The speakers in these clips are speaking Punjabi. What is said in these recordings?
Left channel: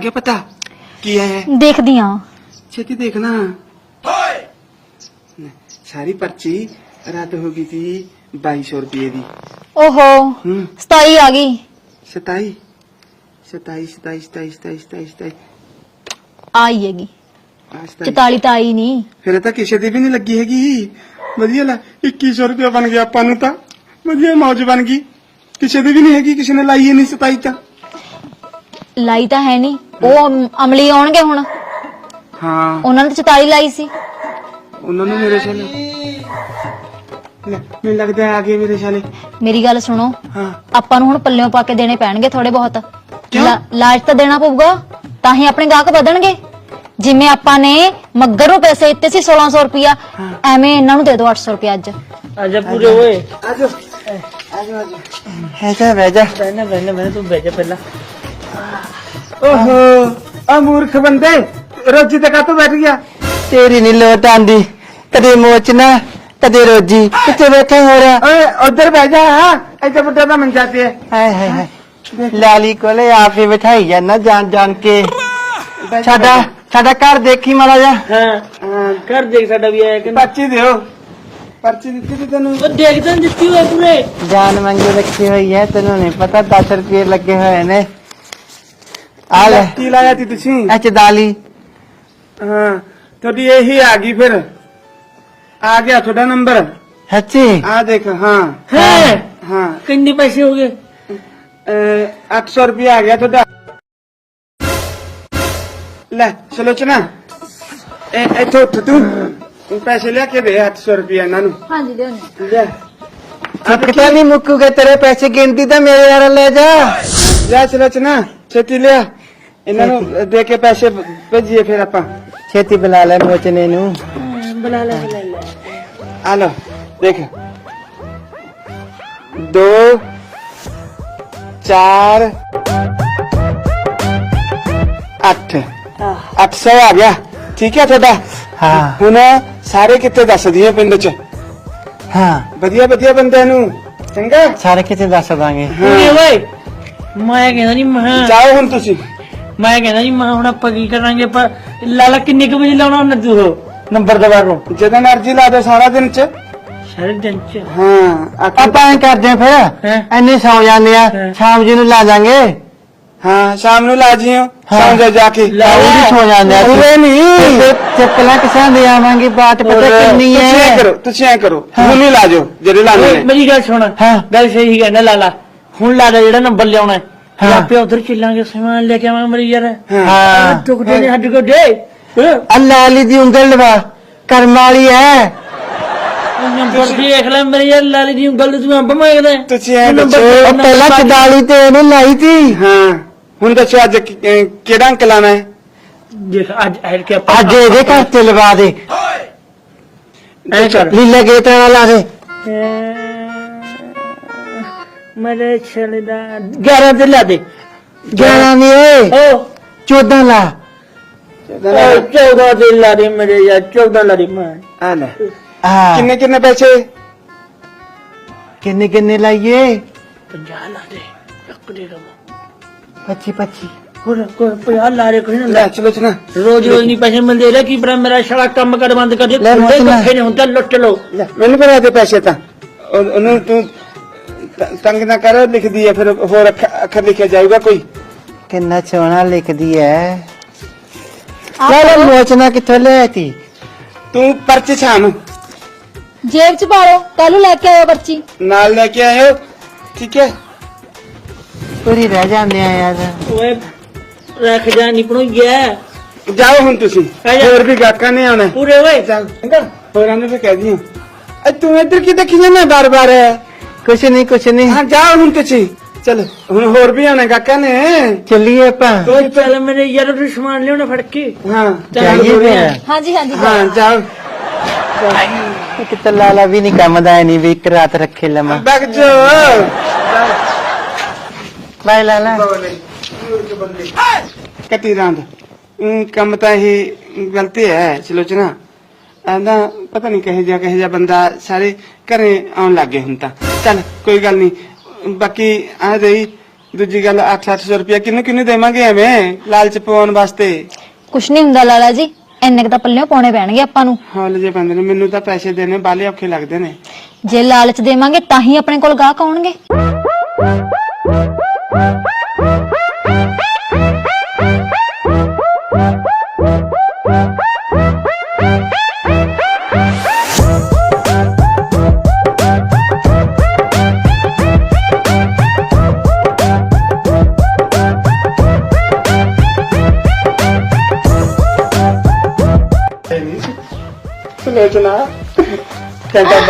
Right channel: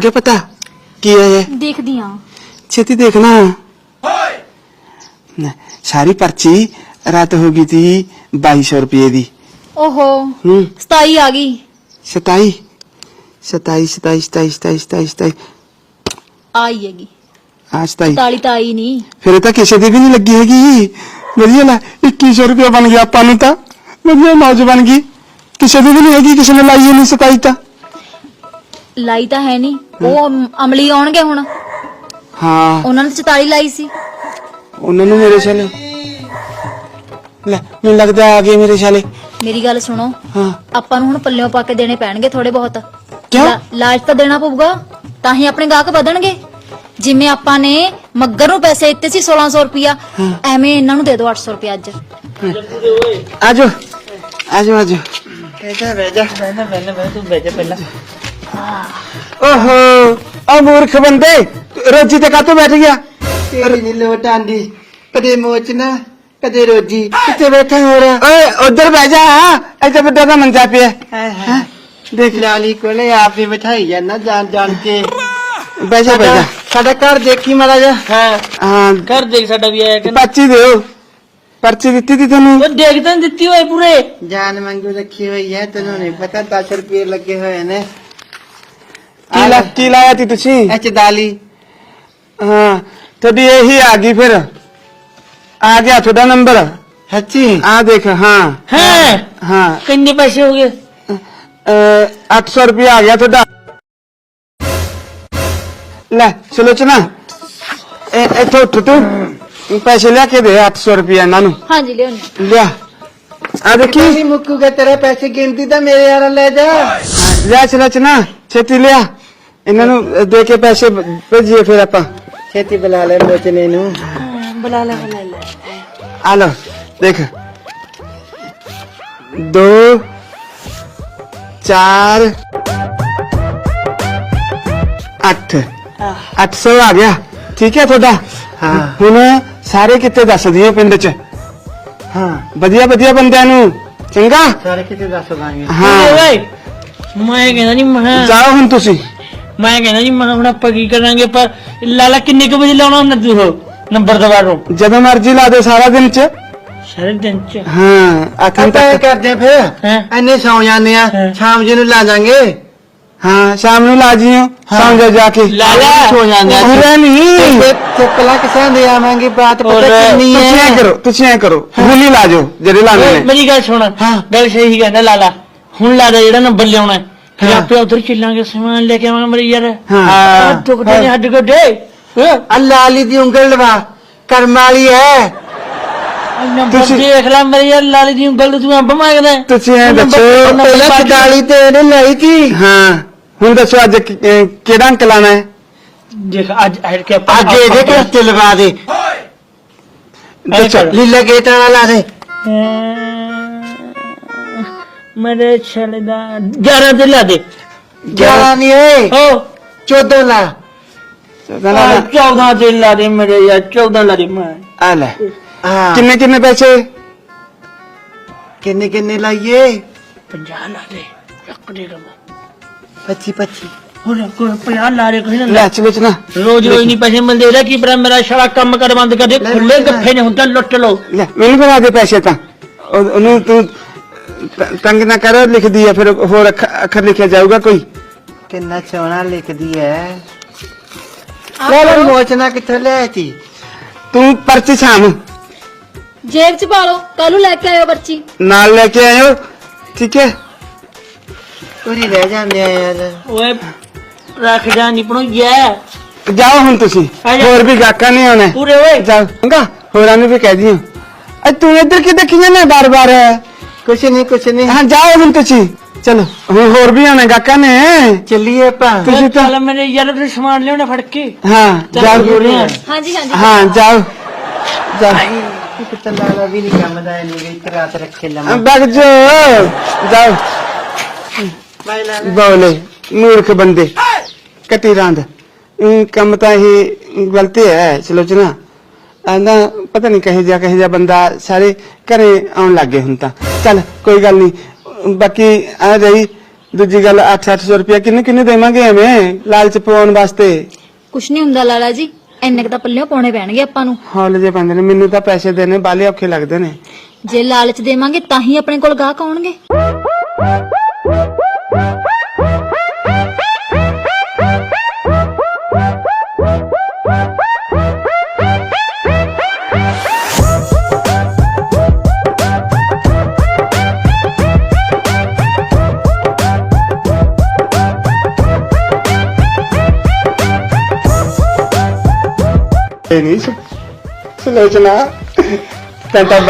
ਲੱਗ ਗਿਆ ਪਤਾ? ਕੀ ਹੈ ਇਹ? ਦੇਖਦੀ ਆ ਛੇਤੀ ਦੇਖਣਾ। ਨਾ, ਸਾਰੀ ਪਰਚੀ ਰਾਤ ਹੋ ਗਈ ਤੀ 2200 ਰੁਪਏ ਦੀ। ਓਹੋ ਹੂੰ। 27 ਆ ਗਈ। 27 27 27 27 27 27 27 ਆਈ ਹੈਗੀ। ਆ 27 47 ਤਾਂ ਆਈ ਨਹੀਂ ਫਿਰ ਇਹ ਤਾਂ ਕਿਸੇ ਦੀ ਵੀ ਨਹੀਂ ਲੱਗੀ ਹੈਗੀ। ਵਧੀਆ ਲੈ 2100 ਰੁਪਏ ਬਣ ਗਿਆ ਆਪਾਂ ਨੂੰ ਤਾਂ। ਵਧੀਆ ਮੌਜ ਬਣ ਗਈ। ਕਿਸੇ ਦੀ ਵੀ ਨਹੀਂ ਹੈਗੀ ਕਿਸੇ ਨੇ ਲਾਈ ਨਹੀਂ 27 ਤਾਂ। ਲਾਈ ਤਾਂ ਹੈ ਨਹੀਂ। ਉਹ ਅਮ- ਅਮਲੀ ਆਉਣਗੇ ਹੁਣ। ਹਾਂ। ਉਹਨਾਂ ਨੇ 44 ਲਾਈ ਸੀ। ਉਹਨਾਂ ਨੂੰ ਮੇਰੇ ਛਾਲੇ। ਲੈ ਮੈਨੂੰ ਲੱਗਦਾ ਆ ਗਏ ਮੇਰੇ ਛਾਲੇ। ਮੇਰੀ ਗੱਲ ਸੁਣੋ। ਹਾਂ। ਆਪਾਂ ਨੂੰ ਹੁਣ ਪੱਲਿਓਂ ਪਾ ਕੇ ਦੇਣੇ ਪੈਣਗੇ ਥੋੜੇ ਬਹੁਤ। ਕਿਉਂ? ਲਾ- ਲਾਜ ਤਾਂ ਦੇਣਾ ਪਊਗਾ। ਤਾਂ ਹੀ ਆਪਣੇ ਗਾਹਕ ਵਧਣਗੇ। ਜਿਵੇਂ ਆਪਾਂ ਨੇ ਮੱਗਰ ਨੂੰ ਪੈਸੇ ਦਿੱਤੇ ਸੀ 1600 ਰੁਪਇਆ ਐਵੇਂ ਇਹਨਾਂ ਨੂੰ ਦੇ ਦਿਓ 800 ਰੁਪਇਆ ਅੱਜ। ਆਜਾ ਪੂਰੇ ਓਏ ਆਜੋ। ਆਜੋ ਆਜੋ। ਹੈ ਤਾਂ ਬਹਿ ਜਾ। ਪਹਿਲਾਂ ਮੈਂ ਤੂੰ ਬੈਠ ਪਹਿਲਾਂ। ਓਹੋ ਆ ਮੂਰਖ ਬੰਦੇ ਰੋਜੀ ਤੇ ਕਾਤੋਂ ਬੈਠ ਗਿਆ? ਤੇਰੀ ਨੀ ਲੋਟ ਆਂਦੀ ਕਦੇ ਮੋਚਨਾ ਕਦੇ ਰੋਜੀ ਕਿੱਥੇ ਬੈਠੇ ਹੋ ਰਾ ਉਧਰ ਬਹਿ ਜਾ ਇੱਥੇ ਵੱਡਾ ਦਾ ਮੰਜਾ ਪਿਆ। ਹਾਏ ਹਾਏ ਹਾਏ। ਦੇਖ। ਲਾਲੀ ਕੋਲੇ ਆਪੇ ਬਿਠਾਈ ਜਾਂਦਾ ਜਾਣ ਜਾਣ ਕੇ। ਬਹਿ ਜਾ ਸਾਡਾ ਬਹਿ ਜਾ। ਸਾਡਾ ਘਰ ਦੇਖੀ ਮਾੜਾ ਜਾ ਹਾਂ। ਹਾਂ ਕਰ ਦੇਖ ਸਾਡਾ ਵੀ ਆਇਆ ਕਿ ਪਰਚੀ ਦਿਓ। ਪਰਚੀ ਦਿੱਤੀ ਤੀ ਤੈਨੂੰ? ਉਹ ਦੇਖ ਤਾਂ ਦਿੱਤੀ ਓਏ ਪੂਰੇ। ਜਾਨ ਮੰਗੀ ਰੱਖੀ ਹੋਈ ਹੈ ਤੈਨੂੰ ਨਹੀਂ ਪਤਾ 10 ਰੁਪਏ ਲੱਗੇ ਹੋਏ ਨੇ। ਕੀ ਲਾ- ਕੀ ਲਾਇਆ ਤੀ ਤੁਸੀਂ? ਅੱਛ ਦਾਲੀ। ਹਾਂ ਤੁਹਾਡੀ ਇਹੀ ਆ ਗਈ ਫਿਰ। ਆ ਗਿਆ ਤੁਹਾਡਾ ਨੰਬਰ। ਹੱਚੀ। ਆ ਦੇਖ ਹਾਂ। ਹੈ? ਹਾਂ। ਕਿੰਨੇ ਪੈਸੇ ਹੋ ਗਏ? ਅਹ 800 ਰੁਪਏ ਆ ਗਿਆ ਤੁਹਾਡਾ। ਲੈ ਸੁਲੋਚਨਾ ਇਹ ਇੱਥੇ ਉੱਠ ਤੂੰ। ਪੈਸੇ ਲਿਆ ਕੇ ਦੇ 800 ਰੁਪਏ ਇਹਨਾਂ ਨੂੰ। ਹਾਂਜੀ ਲਿਆਉਣੀ ਲਿਆ। ਆ ਦੇਖੀ। ਨਹੀਂ ਮੁੱਕੂਗੇ ਤੇਰੇ ਪੈਸੇ ਗਿਣਤੀ ਤਾਂ ਮੇਰੇ ਯਾਰ ਲੈ ਜਾ। ਲਿਆ ਸੁਲੋਚਨਾ ਛੇਤੀ ਲਿਆ। ਇਹਨਾਂ ਨੂੰ ਦੇ ਕੇ ਪੈਸੇ ਭੇਜੀਏ ਫਿਰ ਆਪਾਂ। ਛੇਤੀ ਬੁਲਾ ਲੈ ਮੋਚਨੇ ਨੂੰ। ਬੁਲਾ ਲੈ ਬੁਲਾ ਲੈ ਆ ਲੈ ਦੇਖ। ਦੋ ਚਾਰ ਅੱਠ। 800 ਆ ਗਿਆ। ਠੀਕ ਹੈ ਤੁਹਾਡਾ? ਹਾਂ। ਹੁਣ ਸਾਰੇ ਕਿੱਥੇ ਦੱਸ ਦਿਓ ਪਿੰਡ 'ਚ? ਹਾਂ। ਵਧੀਆ ਵਧੀਆ ਬੰਦਿਆਂ ਨੂੰ। ਚੰਗਾ? ਸਾਰੇ ਕਿਤੇ ਦੱਸ ਦਾਂਗੇ ਓਏ ਹਾਂ। ਓਏ ਮੈਂ ਕਹਿੰਦਾ ਨਹੀਂ ਮੈਂ ਜਾਓ ਹੁਣ ਤੁਸੀਂ। ਮੈਂ ਕਹਿੰਦਾ ਜੀ ਮੈਂ ਹੁਣ ਆਪਾਂ ਕੀ ਕਰਾਂਗੇ ਪਰ ਲਾਲਾ ਕਿੰਨੇ ਕੁ ਵਜੇ ਲਾਉਣਾ ਹੁੰਦਾ ਤੂੰ ਨੰਬਰ ਦਵਾ ਨੂੰ? ਜਦੋਂ ਮਰਜ਼ੀ ਲਾ ਦੇ ਸਾਰਾ ਦਿਨ 'ਚ। ਸਾਰੇ ਦਿਨ ਚ? ਹਾਂ ਆਪਾਂ ਇਹ ਕਰਦੇ ਫਿਰ। ਹਾਂ। ਐਨੇ ਸੌ ਜਾਂਦੇ ਆ ਹਾਂ। ਸ਼ਾਮ ਜੀ ਨੂੰ ਲਾ ਜਾਾਂਗੇ। ਹਾਂ ਸ਼ਾਮ ਨੂੰ ਲਾ ਜਿਓ ਸ਼ਾਮ ਨੂੰ ਜਾ ਕੇ। ਲਾ ਲੈ। ਸੌ ਜਾਂਦੇ ਆ। ਹੁੰਦੇ ਨਹੀਂ ਚੱਕਲਾ ਕਿਸਾ ਦੇ ਆਵਾਂਗੇ? ਬਾਤ ਪਤਾ ਹਾਂ। ਕਿੰਨੀ ਤੁਸੀਂ ਐਂ ਹੈ। ਕਰੋ ਤੁਸੀਂ ਐਂ ਕਰੋ। ਹੁਣ ਹੀ। ਲਾ ਜਾਓ ਜਿਹੜੇ ਲਾ ਨੇ ਮੇਰੀ ਗੱਲ ਸੁਣ। ਗੱਲ ਸਹੀ ਕਹਿੰਦਾ ਲਾਲਾ। ਹੁਣ ਲਾਦਾ ਜਿਹੜਾ ਨੰਬਰ ਲਿਆਉਣਾ ਹੈ। ਫਿਰ ਹਾਂ। ਆਪੇ ਉਧਰ ਚੱਲਾਂਗੇ ਸਮਾਨ ਲੈ ਕੇ ਆਵਾਂਗੇ ਮੇਰੀ ਯਾਰ। ਹਾਂ। ਟੁਕੜੇ ਨੇ ਹੱਡ ਗੱਡੇ। ਅਲੀ ਦੀ ਉਂਗਲ ਲਵਾ ਕਰਮ ਵਾਲੀ ਹੈ ਨੰਬਰ ਤੁਸੀਂ- ਦੇਖ ਲੈ ਮੇਰੀ ਯਾਰ ਲਾਲੀ ਦੀ ਉਂਗਲ ਤੂੰ ਅੰਬ ਮੰਗਦਾ। ਤੁਸੀਂ ਐਂ ਦੱਸੋ ਪਹਿਲਾਂ ਚਦਾਲੀ ਤੇ ਇਹਨੇ ਲਾਈ ਤੀ? ਹਾਂ। ਹੁਣ ਦੱਸੋ ਅੱਜ ਕਿਹੜਾ ਅੰਕ ਲਾਣਾ ਹੈ ਦੇਖ ਅੱਜ ਐਡ ਕੇ ਅੱਜ ਇਹਦੇ ਘਰ ਤੇ ਲਵਾ ਦੇ। ਐਂ ਕਰ ਲੀਲਾ ਗੇਟ ਵਾਲਾ ਲਾ ਦੇ। ਮੇਰੇ ਛਲੇ ਦਾ 11 ਤੇ ਲਾ ਦੇ। 11 ਨਹੀਂ ਓਏ। ਹਾਂ। 14 ਲਾ। ਉਹ 14 ਤੇ ਲਾ ਦੇ ਮੇਰੇ ਯਾਰ 14 ਲਾ ਦੇ ਮੈਂ। ਆ ਲੈ। ਹਾਂ। ਕਿੰਨੇ ਕਿੰਨੇ ਪੈਸੇ? ਕਿੰਨੇ ਕਿੰਨੇ ਲਾਈਏ? 50 ਲਾ ਦੇ। ਇੱਕ ਦੇ ਦਵਾਂ 25 25 ਹੋਰ ਕੋਈ 50 ਲਾ ਦੇ ਕੋਈ ਨਾ ਲੈ ਚਲੋ ਚਨਾ ਰੋਜ਼ ਰੋਜ਼ ਨਹੀਂ ਪੈਸੇ ਮਿਲਦੇ। ਉਹਦਾ ਕੀ ਪਤਾ ਮੇਰਾ ਸਾਰਾ ਕੰਮ ਕਰ ਬੰਦ ਕਰ ਦੇ। ਲੈ ਖੁੱਲੇ ਲੁੱਟ। ਗੱਫੇ ਨੇ ਲਓ। ਲੈ ਮੈਨੂੰ ਬਣਾ ਦੇ ਪੈਸੇ ਤਾਂ। ਉਹ- ਉਹਨੂੰ ਤੂੰ ਤ- ਤੰਗ ਨਾ ਕਰੋ ਲਿਖਦੀ ਹੈ ਫਿਰ ਹੋਰ ਅੱਖ- ਅੱਖਰ ਲਿਖਿਆ ਜਾਊਗਾ ਕੋਈ? ਕਿੰਨਾ ਸੋਹਣਾ ਲਿਖਦੀ ਹੈ ਚਲ ਮੋਚਨਾ ਕਿੱਥੋਂ ਲਿਆ ਤੀ ਤੂੰ ਪਰਚੀ ਛਾਮ ਜੇਬ ਚ ਪਾ ਲਓ ਕੱਲ ਨੂੰ ਲੈ ਕੇ ਆਇਓ ਬੱਚੀ ਨਾਲ ਲੈ ਕੇ ਆਇਓ ਠੀਕ ਹੈ ਪੂਰੀ ਰਹਿ ਜਾਂਦੇ ਆ ਯਾਰ। ਓਏ ਰੱਖਦਾ ਨਹੀਂ ਪਣੋ ਜਾ ਜਾਓ ਹੁਣ ਤੁਸੀਂ। ਹੋਰ ਵੀ ਗਾਕਾਂ ਨਹੀਂ ਆਉਣਾ। ਪੂਰੇ ਓਏ ਚੰਗਾ ਹੋਰਾਂ ਨੂੰ ਵੀ ਕਹਿ ਦਿਓ। ਅ ਤੂੰ ਇੱਧਰ ਕੀ ਜਾਂਦਾ ਬਾਰ ਬਾਰ ਹੈ ਕੁਛ ਨਹੀਂ ਕੁਛ ਨਹੀਂ। ਹਾਂ ਜਾਓ ਹੁਣ ਤੁਸੀਂ ਚਲੋ। ਹੁਣ ਹੋਰ ਵੀ ਆਉਣਾ ਗਾਕਾਂ ਨੇ? ਚੱਲੀਏ ਆਪਾਂ। ਓਏ ਚੱਲ ਮੇਰੇ ਯਾਰ ਤੇ ਸਮਾਨ ਲਿਆਉਣਾ ਫੜ ਕੇ। ਹਾਂ ਜਾਓ। ਹਾਂਜੀ ਹਾਂਜੀ ਹਾਂ ਜਾਓ। ਇੱਕ ਤਾਂ ਲਾਲਾ ਵੀ ਨਹੀਂ ਕੰਮ ਦਾ ਨਹੀਂ ਵੀ ਇੱਕ ਰਾਤ ਰੱਖੇ ਲਵਾਂ। ਬਗ ਜੋ। ਜਾਓ। ਬਾਈ ਲਾਲਾ ਬੋਲੇ ਮੂਰਖ ਬੰਦੇ। ਕੱਟੀ ਰੰਦ। ਇਹ ਕੰਮ ਤਾਂ ਇਹ ਗਲਤ ਹੈ ਸਲੋਚਨਾ ਆਂਦਾ ਪਤਾ ਨਹੀਂ ਕਹੀ ਜਾ ਕਹੀ ਜਾ ਬੰਦਾ ਸਾਰੇ ਘਰੇ ਆਉਣ ਲੱਗੇ ਹੁਣ ਤਾਂ। ਚੱਲ ਕੋਈ ਗੱਲ ਨਹੀਂ। ਬਾਕੀ ਆ ਜਾਈ ਦੂਜੀ ਗੱਲ 8-800 ਰੁਪਇਆ ਕਿਹਨੂੰ ਕਿਹਨੂੰ ਦੇਵਾਂਗੇ ਐਵੇਂ ਲਾਲਚ ਪਾਉਣ ਵਾਸਤੇ? ਕੁਛ ਨਹੀਂ ਹੁੰਦਾ ਲਾਲਾ ਜੀ ਇੰਨੇ ਕੁ ਤਾਂ ਪੱਲਿਓਂ ਪਾਉਣੇ ਪੈਣਗੇ ਆਪਾਂ ਨੂੰ। ਹੌਲੇ ਜੇ ਬੰਦੇ ਨੇ ਮੈਨੂੰ ਤਾਂ ਪੈਸੇ ਦੇਣੇ ਬਾਲੇ ਔਖੇ ਲੱਗਦੇ ਨੇ। ਜੇ ਲਾਲਚ ਦੇਵਾਂਗੇ ਤਾਂ ਹੀ ਆਪਣੇ ਕੋਲ ਗਾਹਕ ਆਉਣਗੇ।